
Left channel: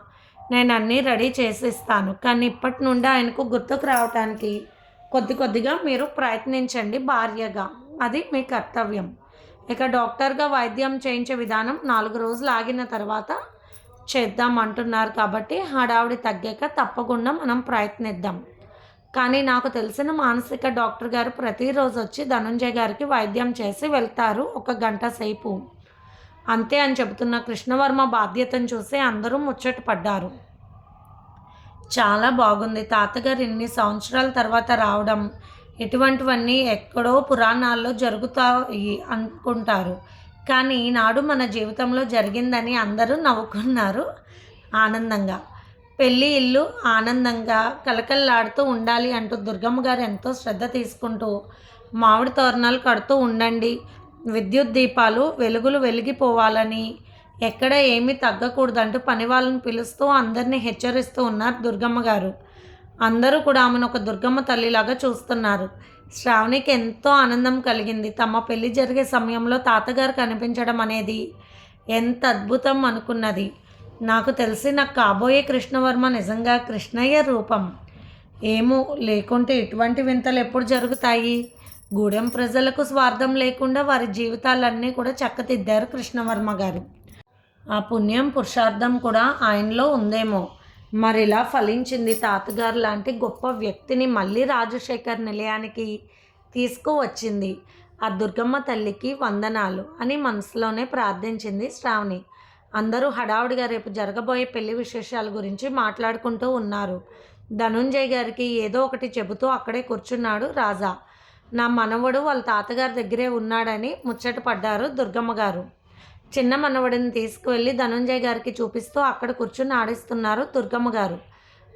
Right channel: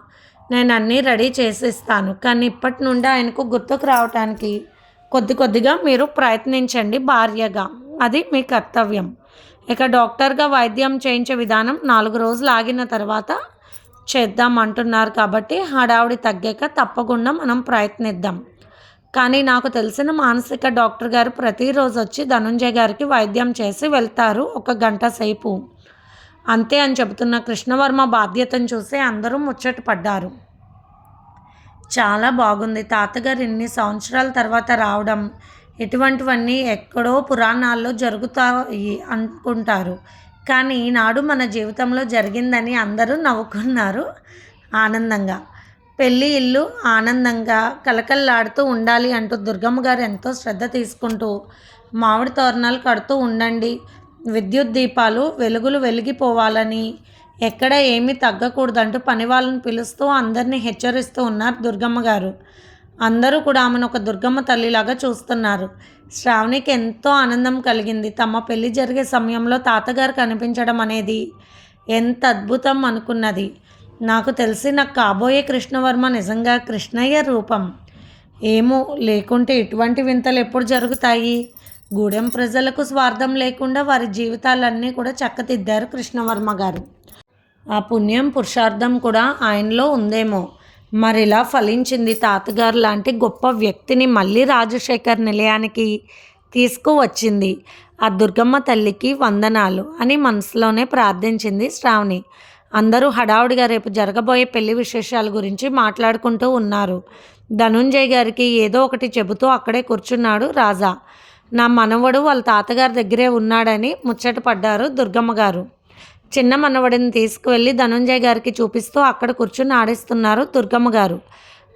నేను అన్నీ రెడీ చేసిస్తాను. కానీ ఇప్పటి నుండి ఆయనకు గుర్తుకు రావటానికి కొద్ది కొద్దిగా మీరు ప్రయత్నించండి భార్యగా. అది మీ కర్తవ్యం. ఇక డాక్టర్గా వైద్యం చేయించే విధానం నాలుగు రోజులు ఆగిన తర్వాత చేద్దాం అంటున్నారు కాబట్టి హడావుడి తగ్గాక తప్పకుండా మనం ప్రయత్నిద్దాం. కానీ నాకు తెలిసిన మానసిక డాక్టర్ గారు ప్రతిరోజు వచ్చి ధనుంజయ్ గారికి వైద్యం చేసి వెళ్తారు ఒక గంట సేపు. అంతే అని చెబుతున్న కృష్ణవర్మ బాధ్యతను చూసి అందరూ ముచ్చట పడ్డారు. చాలా బాగుంది. తాతగారు ఇన్ని సంవత్సరాల తర్వాత రావడం ఇటువంటివన్నీ ఎక్కడో పురాణాల్లో జరుగుతాయి అనుకుంటారు. కానీ ఈనాడు మన జీవితంలో జరిగిందని అందరూ నవ్వుకున్నారు ఆనందంగా. పెళ్ళి ఇల్లు ఆనందంగా కలకల్లాడుతూ ఉండాలి అంటూ దుర్గమ్మ గారు ఎంతో శ్రద్ధ తీసుకుంటూ మామిడి తోరణాలు కడుతూ ఉండండి విద్యుత్ దీపాలు వెలుగులు వెలిగిపోవాలని ఎక్కడ ఏమీ తగ్గకూడదంటూ పని వాళ్ళని పిలుస్తూ అందరినీ హెచ్చరిస్తూ ఉన్నారు దుర్గమ్మ గారు. అందరూ కూడా ఆమెను ఒక దుర్గమ్మ తల్లిలాగా చూస్తున్నారు. శ్రావణికి ఎంతో ఆనందం కలిగింది. తమ పెళ్ళి జరిగే సమయంలో తాతగారు కనిపించడం అనేది ఎంత అద్భుతం అనుకున్నది. నాకు తెలిసి నాకు కాబోయే కృష్ణవర్మ నిజంగా కృష్ణయ్య రూపం. ఏమో లేకుంటే ఇటువంటి వింతలు ఎప్పుడు జరుగుతాయి? గూడెం ప్రజలకు స్వార్థం లేకుండా వారి జీవితాలన్నీ కూడా చక్కదిద్దారు కృష్ణవర్మ గారు. ఆ పుణ్యం పురుషార్థం కూడా ఆయనలో ఉందేమో. మరిలా ఫలించింది తాతగారు లాంటి గొప్ప వ్యక్తిని మళ్ళీ రాజశేఖర్ నిలయానికి తీసుకువచ్చింది. ఆ దుర్గమ్మ తల్లికి వందనాలు అని మనసులోనే ప్రార్థించింది శ్రావణి. అందరూ హడావుడిగా రేపు జరగబోయే పెళ్ళి విశేషాల గురించి మాట్లాడుకుంటూ ఉన్నారు. ధనుంజయ్ గారికి ఏదో ఒకటి చెబుతూ అక్కడే కూర్చున్నాడు రాజా. నా మనవడు వాళ్ళ తాతగారి దగ్గరే ఉన్నాడని ముచ్చట పడ్డారు దుర్గమ్మ గారు చిన్న మనవడిని తీసుకువెళ్ళి ధనుంజయ్ గారికి చూపిస్తూ అక్కడ కూర్చుని ఆడిస్తున్నారు దుర్గమ్మ గారు.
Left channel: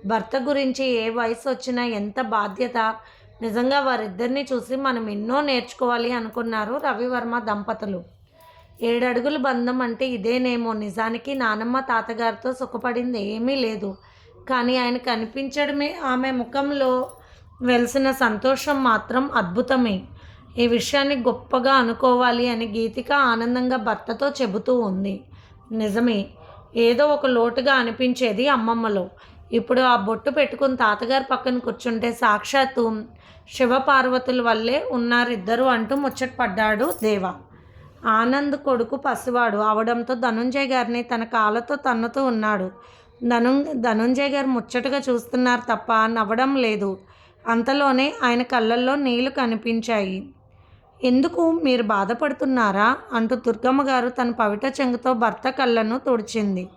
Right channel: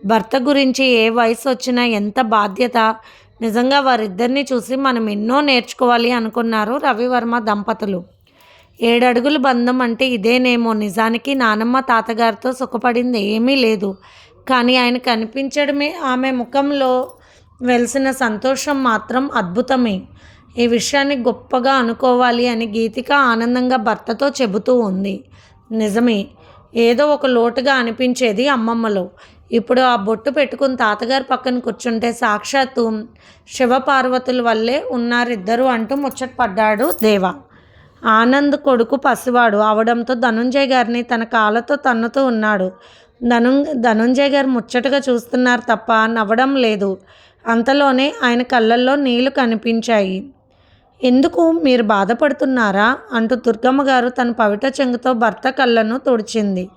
భర్త గురించి ఏ వయసు వచ్చినా ఎంత బాధ్యత? నిజంగా వారిద్దరిని చూసి మనం ఎన్నో నేర్చుకోవాలి అనుకున్నారు రవివర్మ దంపతులు. ఏడడుగుల బంధం అంటే ఇదేనేమో నిజానికి నానమ్మ తాతగారితో సుఖపడింది ఏమీ లేదు. కానీ ఆయన కనిపించడమే ఆమె ముఖంలో వెలిసిన సంతోషం మాత్రం అద్భుతమే. ఈ విషయాన్ని గొప్పగా అనుకోవాలి అని గీతిక ఆనందంగా భర్తతో చెబుతూ ఉంది. నిజమే ఏదో ఒక లోటుగా అనిపించేది అమ్మమ్మలో. ఇప్పుడు ఆ బొట్టు పెట్టుకుని తాతగారి పక్కన కూర్చుంటే సాక్షాత్తు శివపార్వతుల వల్లే ఉన్నారిద్దరు అంటూ ముచ్చటపడ్డాడు దేవ. ఆనంద్ కొడుకు పసివాడు అవడంతో ధనుంజయ్ గారిని తన కాళ్ళతో తన్నుతూ ఉన్నాడు. ధను ధనుంజయ్ గారు ముచ్చటగా చూస్తున్నారు తప్ప నవ్వడం లేదు. అంతలోనే ఆయన కళ్ళల్లో నీళ్ళు కనిపించాయి. ఎందుకు మీరు బాధపడుతున్నారా? అంటూ దుర్గమ్మ గారు తన పవిట చెంగుతో భర్త కళ్ళను తుడిచింది.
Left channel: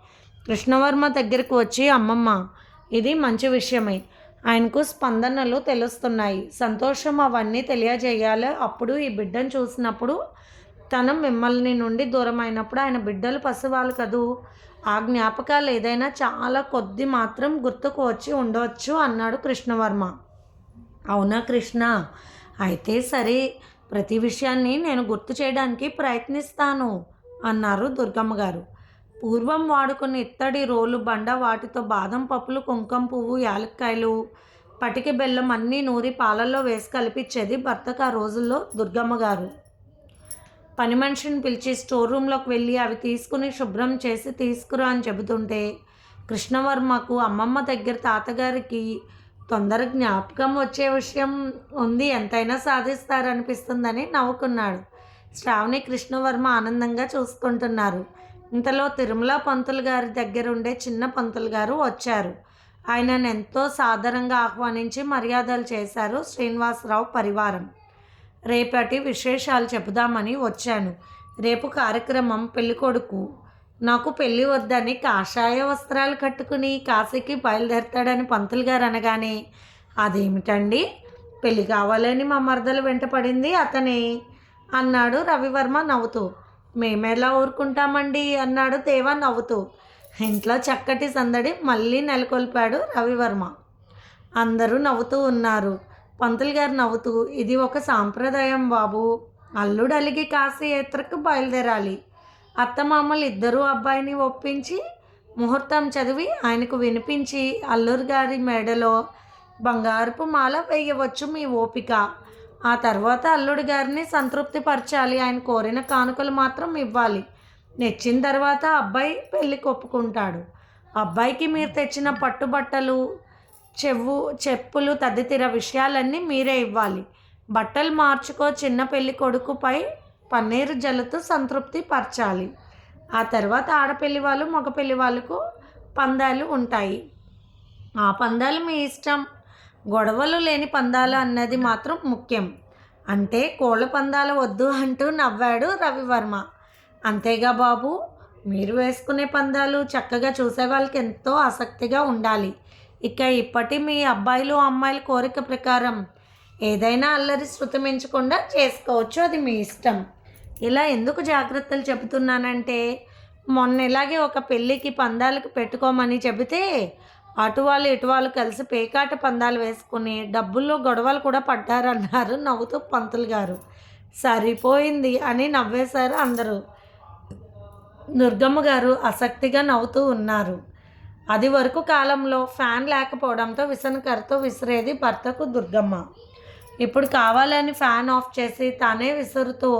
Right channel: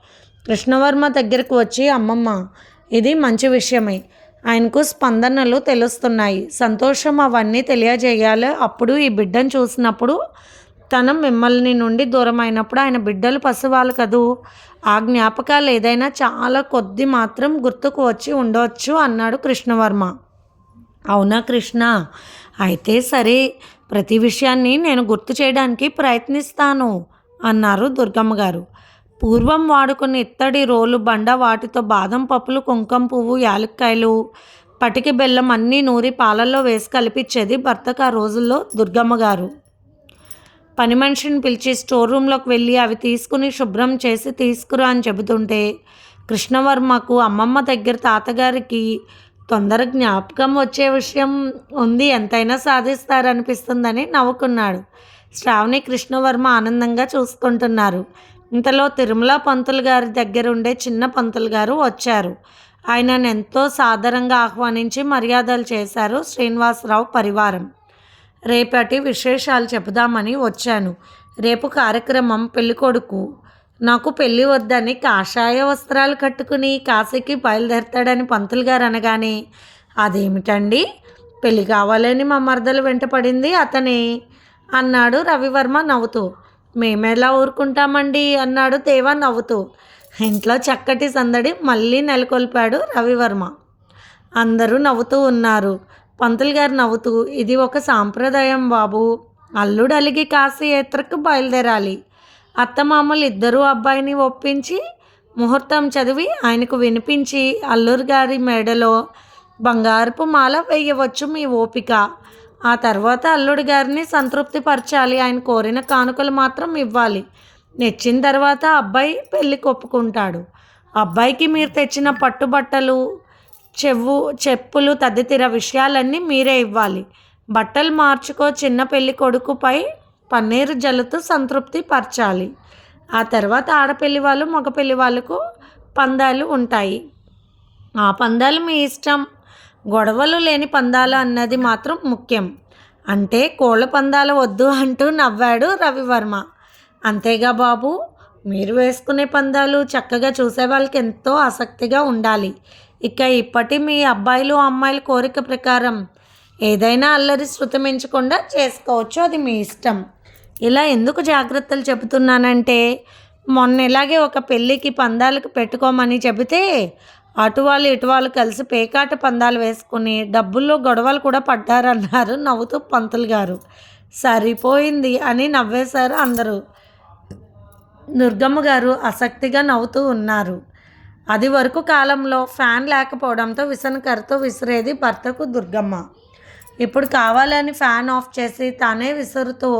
కృష్ణవర్మ దగ్గరకు వచ్చి అమ్మమ్మ ఇది మంచి విషయమే. ఆయనకు స్పందనలు తెలుస్తున్నాయి. సంతోషం అవన్నీ తెలియజేయాలి. అప్పుడు ఈ బిడ్డను చూసినప్పుడు తన మిమ్మల్ని నుండి దూరం అయినప్పుడు ఆయన బిడ్డలు పసివాళ్ళు కదూ? ఆ జ్ఞాపకాలు ఏదైనా చాలా కొద్ది మాత్రం గుర్తుకు వచ్చి ఉండవచ్చు అన్నాడు కృష్ణవర్మ. అవునా కృష్ణ? అయితే సరే. ప్రతి విషయాన్ని నేను గుర్తు చేయడానికి ప్రయత్నిస్తాను అన్నారు దుర్గమ్మ గారు. పూర్వం వాడుకున్న ఇత్తడి రోలు బండ వాటితో బాదం పప్పులు కుంకుమ పువ్వు యాలక్కాయలు పటికి బెల్లం అన్నీ నూరి పాలల్లో వేసి కలిపించేది భర్తకు ఆ రోజుల్లో దుర్గమ్మ గారు. పని మనిషిని పిలిచి స్టోర్ రూమ్లోకి వెళ్ళి అవి తీసుకుని శుభ్రం చేసి తీసుకురా అని చెబుతుంటే కృష్ణవర్మకు అమ్మమ్మ దగ్గర తాతగారికి తొందర జ్ఞాపకం వచ్చే విషయం ఉంది. ఎంతైనా సాధిస్తారనిపిస్తుందని నవ్వుకున్నాడు. శ్రావణి కృష్ణవర్మ ఆనందంగా చూసుకుంటున్నారు. ఇంతలో తిరుమల పంతులు గారి దగ్గర ఉండే చిన్న పంతులు గారు వచ్చారు. ఆయనను ఎంతో సాదరంగా ఆహ్వానించి మర్యాదలు చేశారు శ్రీనివాసరావు పరివారం. రేపటి విశేషాలు చెబుదామని వచ్చాను. రేపు కార్యక్రమం పెళ్ళికొడుకు నాకు పెళ్ళి వద్దని కాషాయ వస్త్రాలు కట్టుకుని కాశీకి బయలుదేరతాడని పంతులు గారు అనగానే అదేమిటండి? పెళ్ళి కావాలని మా మరదలు వెంట పడింది అతనే. అన్నాడు రవివర్మ నవ్వుతూ. మేమెలా ఊరుకుంటామండి? అన్నాడు దేవా నవ్వుతూ. ఇంట్లో చక్కటి సందడి మళ్ళీ నెలకొల్పాడు రవివర్మ. అందరూ నవ్వుతూ ఉన్నారు. పంతులు గారు నవ్వుతూ ఇది ఒక సాంప్రదాయం బాబు. అల్లుడు అలిగి కాశీ ఎత్రకు బయలుదేరాలి. అత్తమామలు ఇద్దరూ అబ్బాయిని ఒప్పించి ముహూర్తం చదివి ఆయనకు వినిపించి అల్లూరు గారి మెడలో బంగారపు మాల వేయవచ్చు మీ ఓపిక. ఆ తర్వాత అల్లుడి గారిని సంతృప్తిపరచాలి. ఆయన కోరిన కానుకలు మాత్రం ఇవ్వాలి. నెచ్చిన తర్వాత అబ్బాయి పెళ్ళి ఒప్పుకుంటాడు అబ్బాయికి మీరు తెచ్చిన పట్టుబట్టలు చెవు చెప్పులు తదితర విషయాలన్నీ మీరే ఇవ్వాలి. బట్టలు మార్చుకో చిన్న పెళ్ళి కొడుకుపై పన్నీరు జల్లుతూ సంతృప్తి పరచాలి. ఆ తర్వాత ఆడపెళ్ళి వాళ్ళు మగ పెళ్ళి వాళ్ళకు పందాలు ఉంటాయి. ఆ పందాలు మీ ఇష్టం. గొడవలు లేని పందాలు అన్నది మాత్రం ముఖ్యం. అంటే కోళ్ళ పందాలు వద్దు అంటూ నవ్వాడు రవివర్మ. అంతేగా బాబు మీరు వేసుకునే పందాలు చక్కగా చూసే వాళ్ళకి ఎంతో ఆసక్తిగా ఉండాలి. ఇక ఇప్పటి మీ అబ్బాయిలు అమ్మాయిల కోరిక ప్రకారం ఏదైనా అల్లరి శృతమించకుండా చేసుకోవచ్చు అది మీ ఇష్టం. ఇలా ఎందుకు జాగ్రత్తలు చెబుతున్నానంటే మొన్న ఇలాగే ఒక పెళ్ళికి పందాలకు పెట్టుకోమని చెబితే అటువాలు ఇటువాళ్ళు కలిసి పేకాట పందాలు వేసుకుని డబ్బుల్లో గొడవలు కూడా పడ్డారన్నారు నవ్వుతూ పంతులు గారు. సరిపోయింది అని నవ్వేశారు అందరూ. దుర్గమ్మ గారు ఆసక్తిగా నవ్వుతూ ఉన్నారు. అది వరకు కాలంలో ఫ్యాన్ లేకపోవడంతో విసనకరతో విసిరేది భర్తకు దుర్గమ్మ. ఇప్పుడు కావాలని ఫ్యాన్ ఆఫ్ చేసి తానే విసురుతూ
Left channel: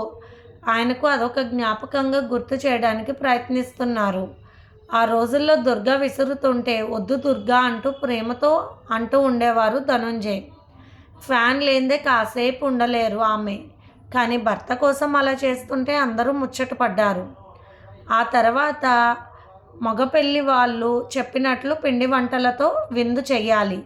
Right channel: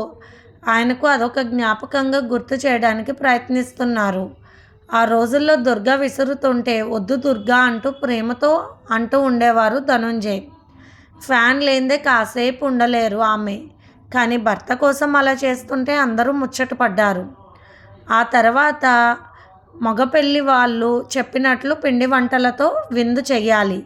ఆయనకు అదొక జ్ఞాపకంగా గుర్తు చేయడానికి ప్రయత్నిస్తున్నారు. ఆ రోజుల్లో దుర్గ విసురుతుంటే వద్దు దుర్గా అంటూ ప్రేమతో అంటూ ఉండేవారు ధనుంజయ్. ఫ్యాన్ లేనిదే కాసేపు ఉండలేరు ఆమె. కానీ భర్త కోసం అలా చేస్తుంటే అందరూ ముచ్చటపడ్డారు ఆ తర్వాత మగపెళ్ళి వాళ్ళు చెప్పినట్లు పిండి వంటలతో విందు చెయ్యాలి.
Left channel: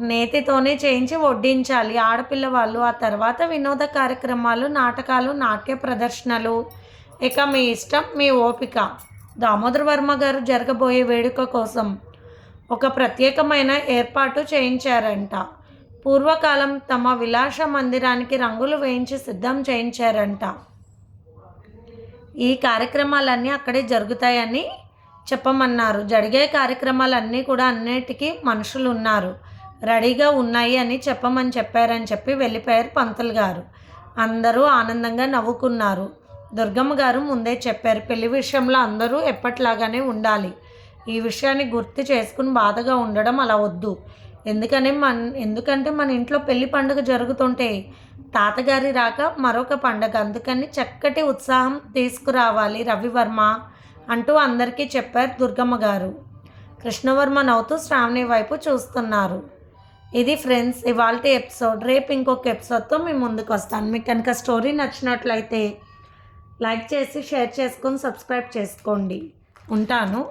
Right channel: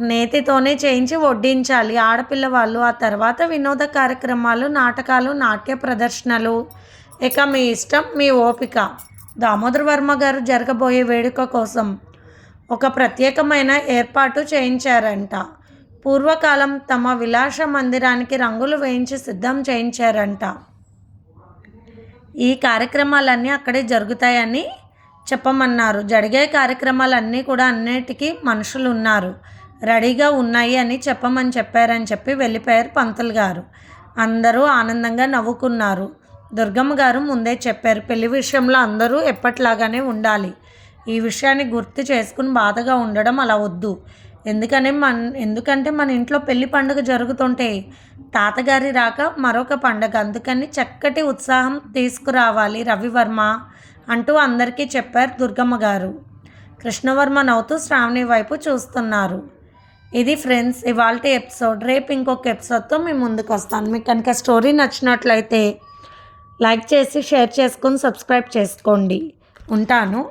నేతితోనే చేయించి వడ్డించాలి. ఆడపిల్ల వాళ్ళు ఆ తర్వాత వినోద కార్యక్రమాలు నాటకాలు నాట్య ప్రదర్శనలు. ఇక మీ ఇష్టం మీ ఓపిక. దామోదర వర్మ గారు జరగబోయే వేడుక కోసం ఒక ప్రత్యేకమైన ఏర్పాటు చేయించారంట. పూర్వకాలం తమ విలాస మందిరానికి రంగులు వేయించి సిద్ధం చేయించారంట. ఈ కార్యక్రమాలన్నీ అక్కడే జరుగుతాయని చెప్పమన్నారు. జరిగే కార్యక్రమాలన్నీ కూడా అన్నిటికీ మనుషులు ఉన్నారు రెడీగా ఉన్నాయి అని చెప్పమని చెప్పారని చెప్పి వెళ్ళిపోయారు పంతులు గారు. అందరూ ఆనందంగా నవ్వుకున్నారు. దుర్గమ్మ గారు ముందే చెప్పారు పెళ్ళి విషయంలో అందరూ ఎప్పట్లాగానే ఉండాలి. ఈ విషయాన్ని గుర్తు చేసుకుని బాధగా ఉండడం అలా వద్దు. ఎందుకని మన ఎందుకంటే మన ఇంట్లో పెళ్ళి పండుగ జరుగుతుంటే తాతగారి రాక మరొక పండగ. అందుకని చక్కటి ఉత్సాహం తీసుకురావాలి రవివర్మ అంటూ అందరికీ చెప్పారు దుర్గమ్మ గారు. కృష్ణవర్మ నవ్వుతూ శ్రావణి వైపు చూస్తున్నారు. ఇది ఫ్రెండ్స్ ఇవాళ ఎపిసోడ్. రేపు ఇంకొక ఎపిసోడ్తో మేము ముందుకు వస్తాను. మీకు కనుక స్టోరీ నచ్చినట్లయితే లైక్ చేసి షేర్ చేసుకొని సబ్స్క్రైబ్ చేసుకోండి. ఉంటాను.